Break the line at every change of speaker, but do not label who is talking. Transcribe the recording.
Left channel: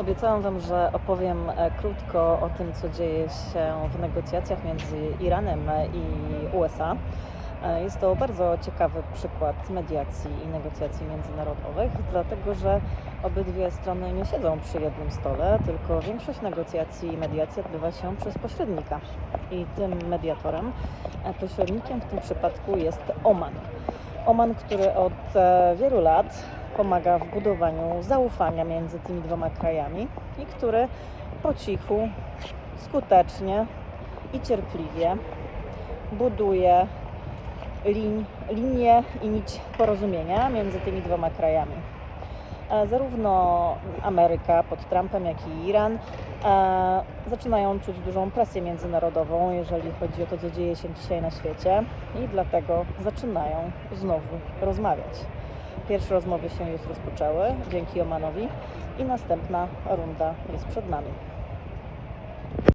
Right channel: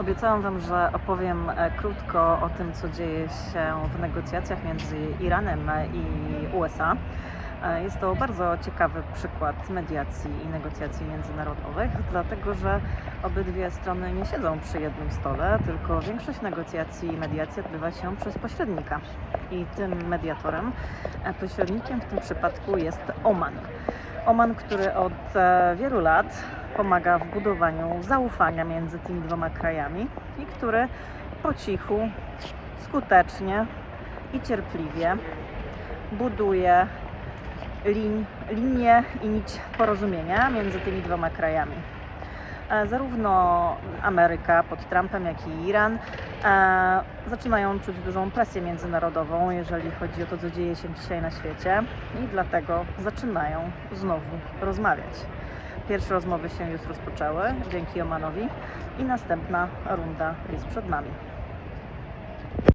Obiecałam Wam, że opowiem e, krótko o tym, co dzieje się w negocjacjach między Iranem i USA. E, Jest to bardzo ciekawy przykład mediacji i negocjacji międzynarodowych, dlatego że obydwie strony nie siedzą przy jednym stole, tylko większość negocjacji i mediacji odbywa się przez pośrednika. I tym mediatorem, e, pośrednikiem w tym przypadku jest Oman. Oman, który od e, wielu lat pomaga w budowaniu zaufania między tymi dwoma krajami i który po cichu, skutecznie i cierpliwie buduje lin, linię i nić porozumienia między tymi dwoma krajami. E, Zarówno Ameryka pod Trumpem, jak i Iran e, zaczynają czuć dużą presję międzynarodową, jeżeli chodzi o to, co dzieje się dzisiaj na świecie, i dlatego zaczynają znowu rozmawiać. Pierwsze rozmowy się już rozpoczęły dzięki Omanowi i następna runda jest przed nami.